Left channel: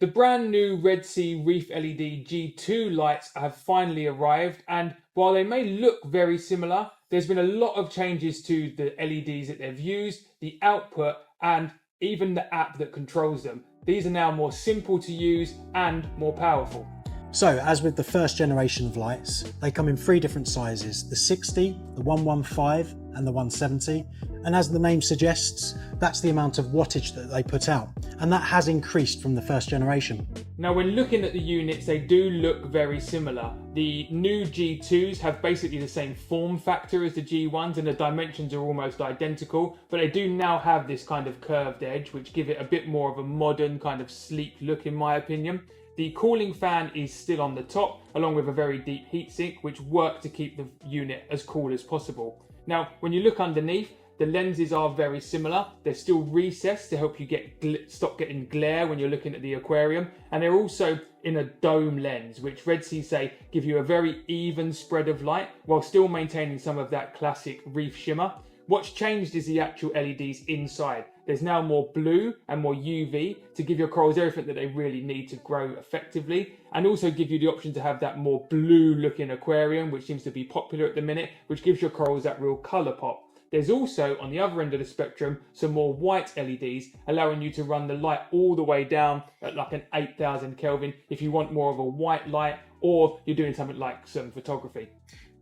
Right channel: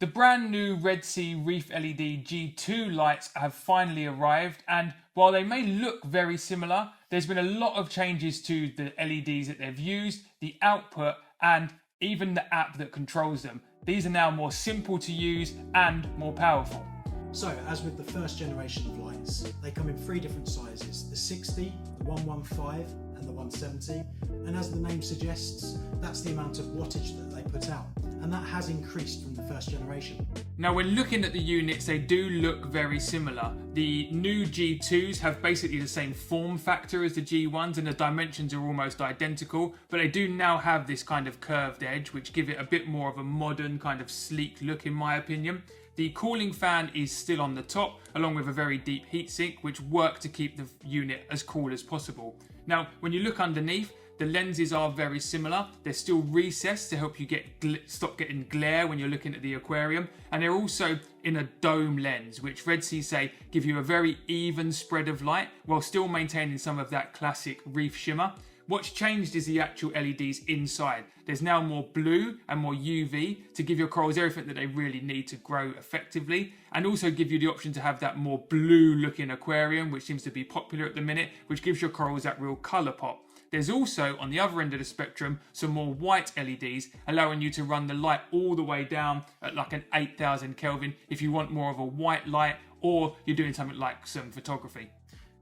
The brand new Sea ReefLED G2 lights have finally arrived, and while they may look very similar, there's been a lot of changes to the LEDs that they've used, the output, and even the app that controls them. These are now more simple to use and more powerful. So, as with the first generation of lights, they come in three different sizes: the 60, the 115 and the 170. And as the name suggests, that's the amount of wattage that they put out. And that has increased from the first generation. Now, when looking at the units, they do look very similar. The new G2s have basically the same form factor as the G1s, and the dimensions are almost identical, but they do now have this kind of curved edge, which give it a bit more of a modern kind of sleek look, in my opinion. The cooling fan is still on the top, along with a very deep heatsink, which work to keep the unit as cool as possible. Now, when you look underneath, the lenses are very similar. They're still recessed to help you stop getting glare when you're looking at the aquarium. And they're also in a dome lens, which Red Sea say give you a very even spread of light while still maintaining some of that classic reef shimmer. What's changed is the actual LEDs inside. There's now more blue and more UV to give your corals everything that they really need to grow effectively, and also give you the option to have that more blue looking aquarium, which seems to be popular at the minute, which gives your corals that real color pop. There's also, on the other end of the spectrum, some more white LEDs, allowing you to run the light all the way down at like an 8,000 Kelvin if you want more of a white light, or you're doing something like some photography.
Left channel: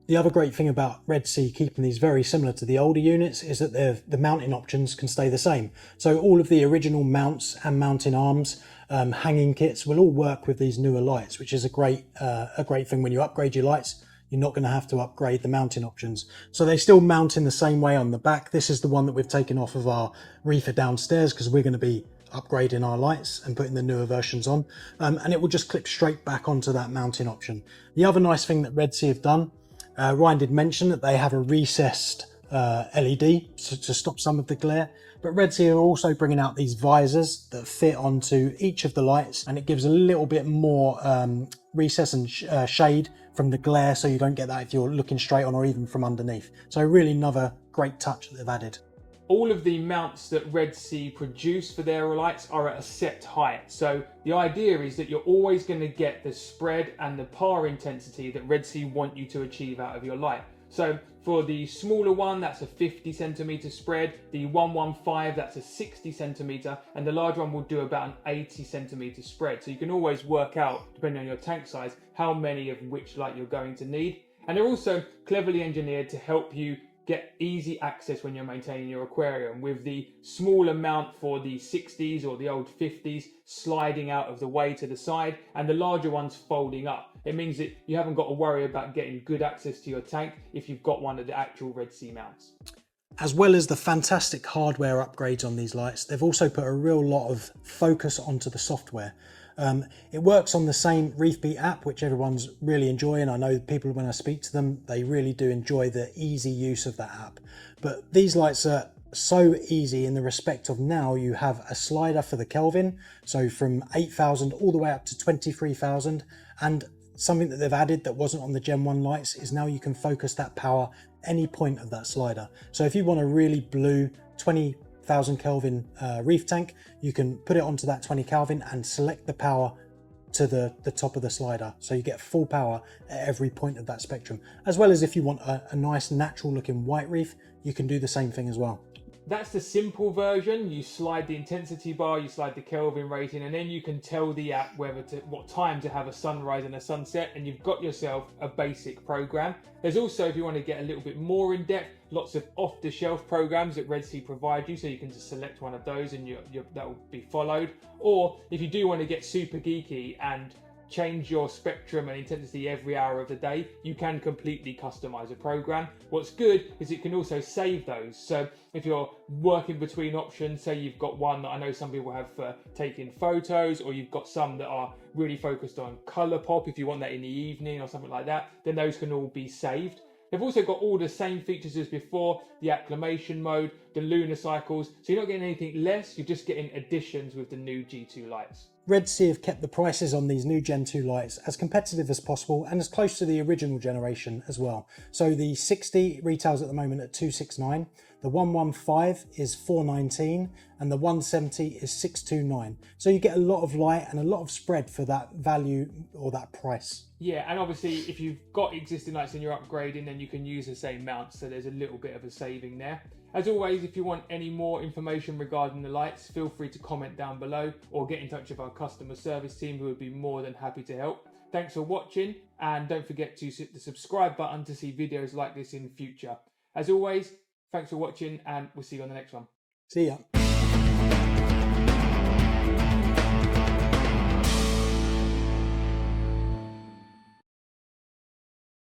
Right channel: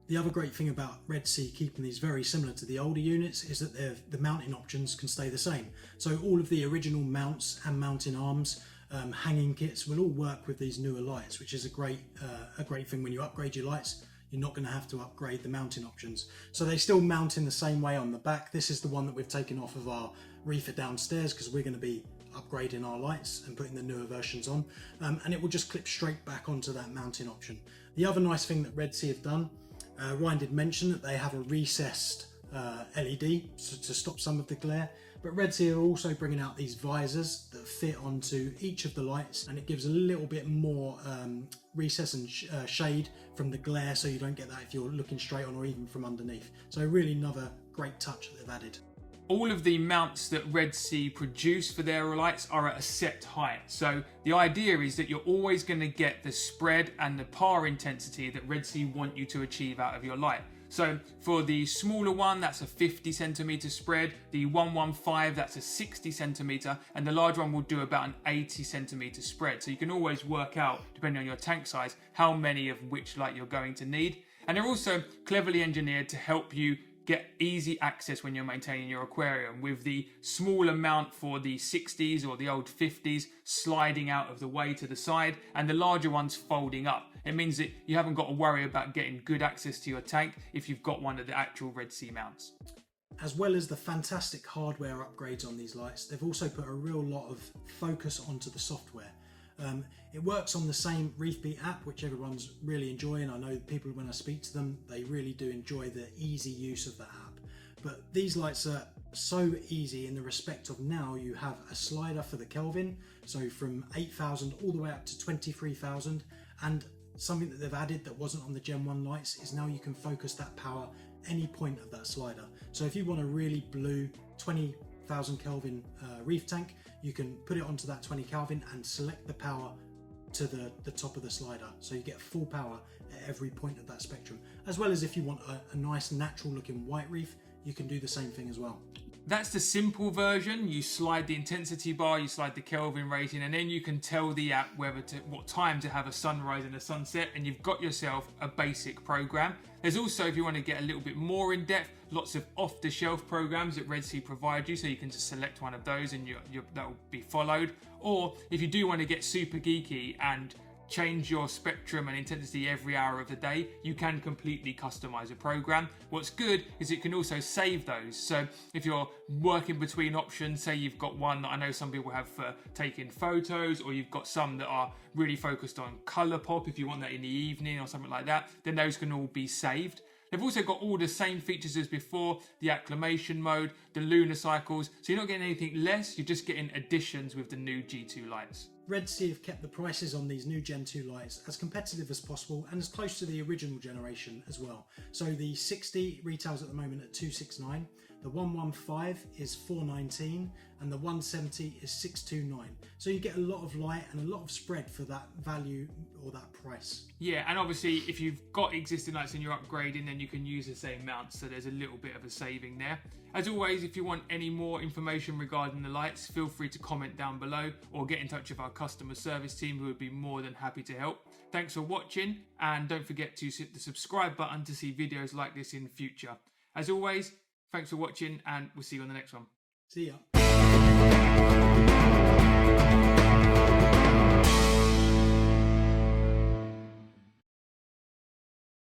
The other great thing about Red Sea keeping these very similar to the older units is that the mounting options can stay the same. So all of the original mounts and mounting arms, hanging kits will all work with these newer lights, which is a great thing. When you upgrade your lights, you're not going to have to upgrade the mounting options. So they still mount in the same way on the back. This is the one that we've taken off of our reefer downstairs because we're going to be upgrading our lights and putting the newer versions on. And it will just clip straight back onto that mounting option. The other nice thing that Red Sea have done, Ryan did mention that they have a recessed LED to stop some of the glare, but Red Sea are also bringing out these visors that fit onto each of the lights, and it gives a little bit more recess and shade from the glare, so you don't get that if you're looking straight on or even from underneath. So really another great touch that they've added. All of the mounts that Red Sea produce for their lights are at a set height. So the idea is that you're always going to get the spread and the power intensity that Red Sea want you to achieve out of your light. So for the smaller one, that's a 50 centimeter spread. The 115, that's a 60 centimeter, and the large one will do about an 80 centimeter spread. So you can always work out, depending on your tank size, how many of which light you're going to need. And they're also cleverly engineered to help you get easy access when you're maintaining your aquarium, with the small amount for the 60s or the old 50s sliding out of the way to the side, and the larger ones folding up. It means that you haven't got to worry about getting good access to your tank if you've got one of the actual Red Sea mounts. As well as the fantastic hardware upgrades on these lights, they've also put a real lot of focus onto the software. It works on the same ReefBeat app, which everyone's really enjoying. I know people, when I speak to them, they really do enjoy the easy use of that app. But these lights are so easy in the respect of now you have a slider for the Kelvin, so from 8,000 all the way up to 23,000. And something that they've added that wasn't on the Gen 1 lights is now you can focus that power any point of that slider. So if you want a really blue 20,000 Kelvin reef tank, you can put it onto that 20 Kelvin and select the power to the top of the slider, so you get full power at every point of that spectrum. As well as if you want a nice natural looking white reef, you can do the same thing as well. That's the simple version. You slide the intensity bar, you slide the Kelvin rating, and then you can tell the app what time to have a sunrise and a sunset, and you've got yourself a basic program. There's also, if you want to get a little bit more in depth, lots of off-the-shelf programs that Red Sea provide you, so you can just select one of those and that will be followed. Or if you do want to get super geeky and change your spectrum and intensity every hour of the day, you can completely customize a program. What's good is it can also save those. So if you're working between options, say you've got one that I know some people have for taking photos, or you've got some that are really focused on color pop, if you want that in the evening or something like that, then those can all be saved. They've also got all the same features as before, the acclimation mode, the lunar cycles, so you're not getting anything less, you're just getting additions with the new G2 lights. Red Sea have kept the prices on these new Gen 2 lights as competitive as possible and as close to the original generation as well. So the 60 retails at the moment at $269, The 115 is 419 and the 170 is 629. So you get a lot of light and a lot of spread for that value or that price. Yeah, and obviously if you've got existing lights and you're upgrading, then you can use the same mounts, so there's a little bit of a saving there. As always, if you want any more information regarding the lights, feel free to comment down below or get in touch with our customer service team, who would be more than happy to help. Thanks for watching, and don't forget to hit the subscribe button to see videos like this in future. As always, thanks for watching, and we'll see you on the next one. See ya.